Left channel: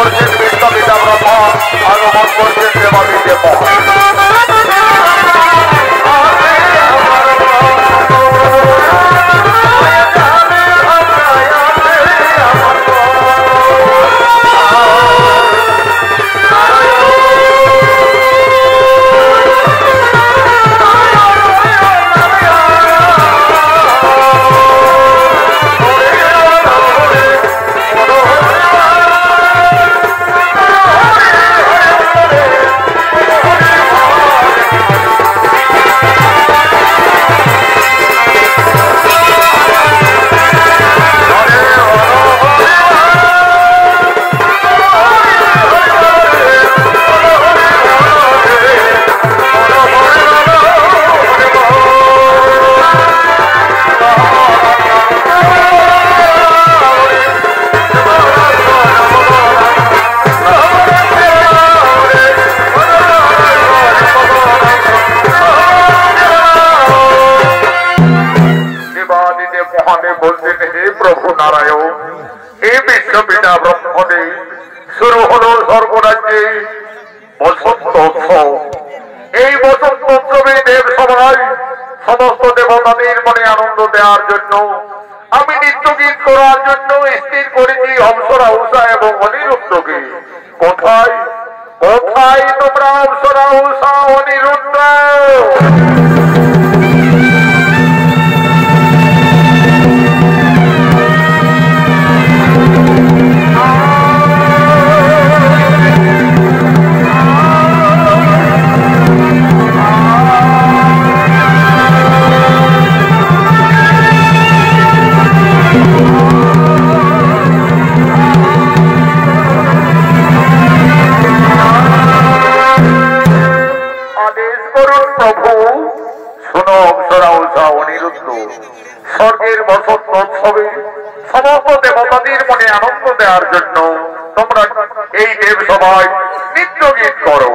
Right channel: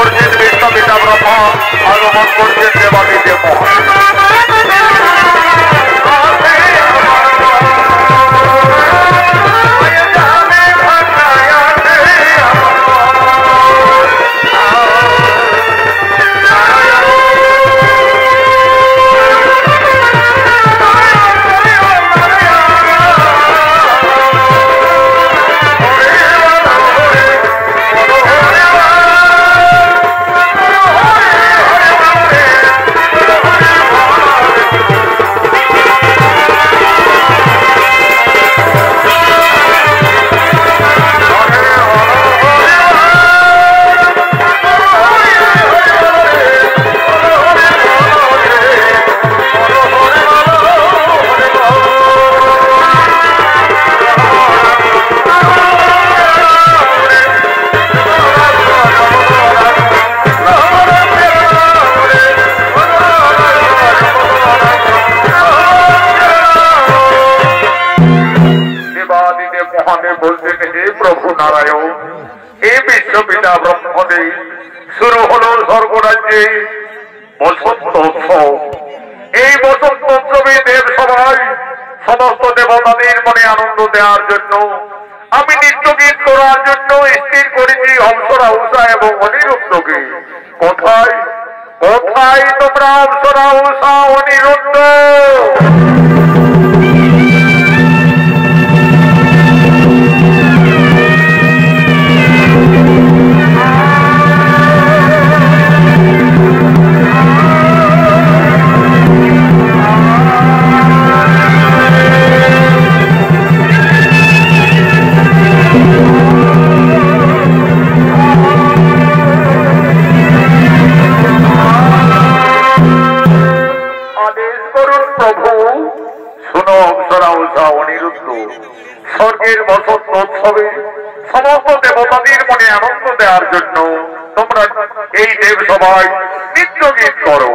করছেন বিশ্বপিতা ব্রহ্মা, আগমন করছেন দেবাদিদেব মহান। বিশ্বপিতা ব্রহ্মদেব, শুরু হলো স্বর্গরাজ্যে বসন্ত উৎসব। এই বসন্ত উৎসবে দেব সবাই সমস্ত দেবতাদের মনে আনন্দ দেওয়ার জন্য আমি নৃত্য গীত করার জন্য স্থির করেছি অপ্সরা উষা এবং অনিরুদ্ধকে। কোথায় কোথায় তোমরা অপ্সরা উষা অনিরুদ্ধ? স্বর্গের বসন্ত উৎসবে সমস্ত দেবতাদের মনে আনন্দ দেওয়ার জন্য তোমরা এই দেব সবাই নৃত্য গীত করো।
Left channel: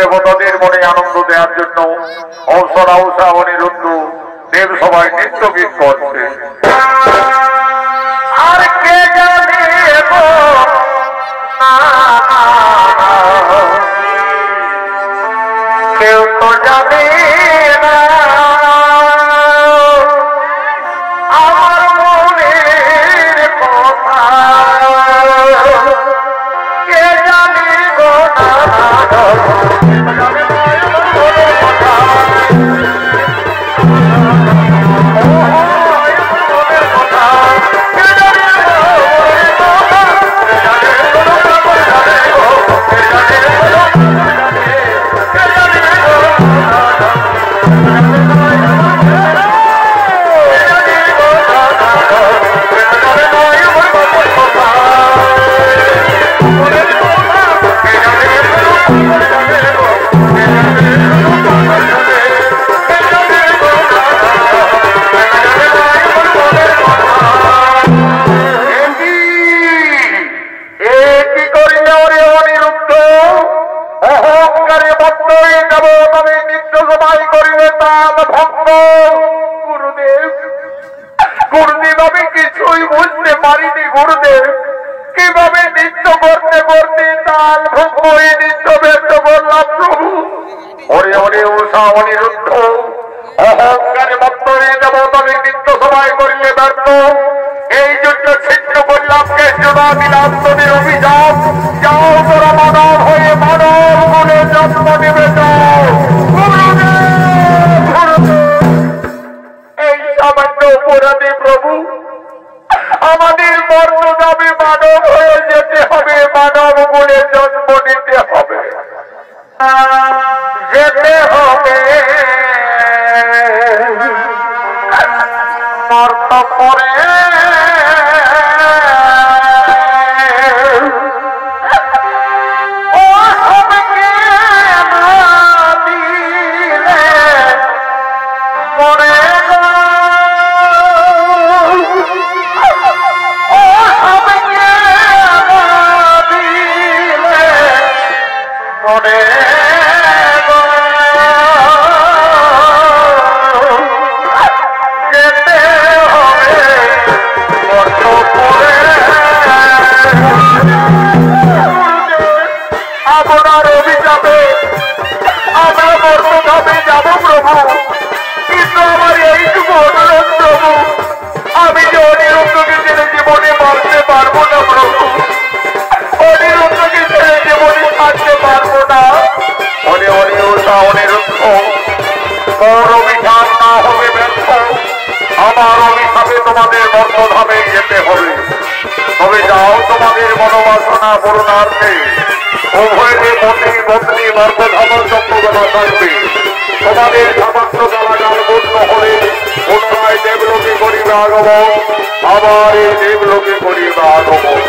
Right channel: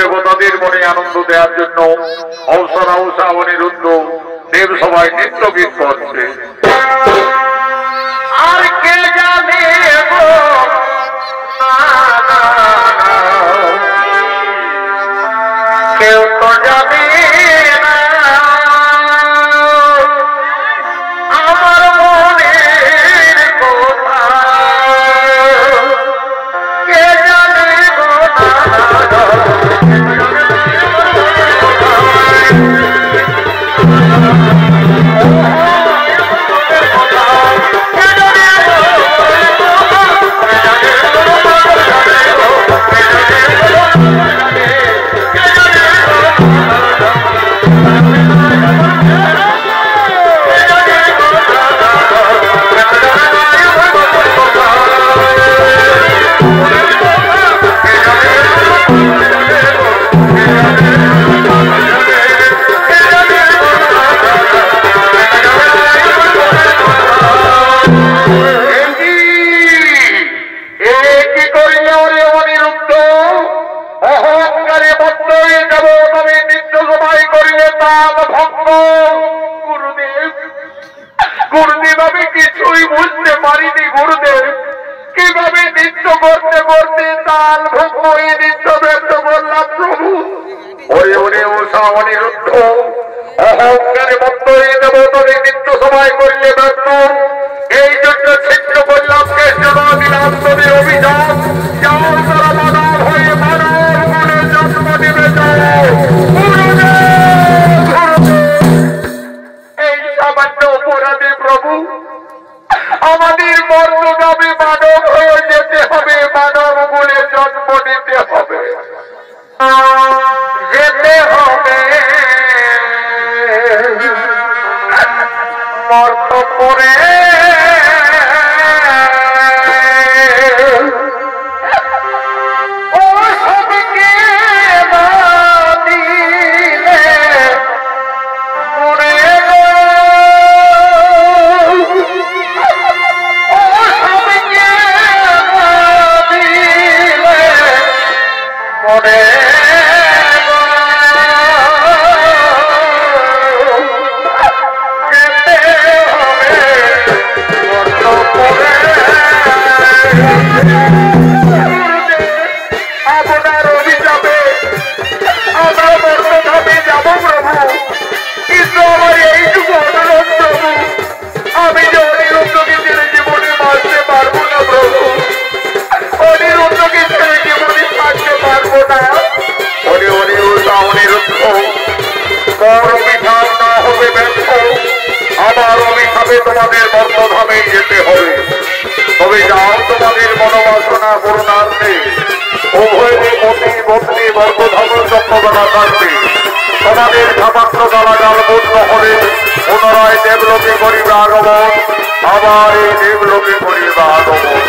দেবতাদের মনে আনন্দ দেওয়ার জন্য অপ্সরা উষা অনিরুদ্ধ দেব সবাই নৃত্য গীত করছে। আর কে জানে কেউ তো জানে না আমার মনের কথা, কে জানে গো না আমি নিত্য সবাই করিলে ব্যর্থ। এই জন্য ছিন্ন করলাম কেষ্টনাথের অভিযান। যাও তোরা মানব হয়ে মানব বলে জন্ম নেবে যাও। এই সামান্য অপরাধী প্রভু আমাদের মর্তগামী মানব হয়ে যেতে হবে, মানব বলে জন্ম নিতে হবে, যেতে হবে মর্ত পরে। আপনার অভিশাপে আমরা মর্তধামে যাব প্রভু, কিন্তু আমার এইটুকু অনুরোধ প্রভু, আমি যে অনিরুদ্ধকে ছেড়ে জীবনে বাঁচতে পারবো না প্রভু, অনিরুদ্ধকে ছেড়ে জীবনে থাকতে পারবো না। অনিরুদ্ধ তোর অভিশাপ না হবে ব্যর্থ, আমার অভিশাপে তোমাদের মর্তধামে যেতে হবে। তবে যাও তোমাদের মনোবাসনা পূরণার্থে উভয়ের পতি পত্নী মর্তধাম চক্রবেলা থাকবে। তোমাদের সামান্য গালাগাল পূর্ণ হলে পুনরায় দেবলোকে করিবে আগমন, আবার এই দেবলোকে করিবে আগমন।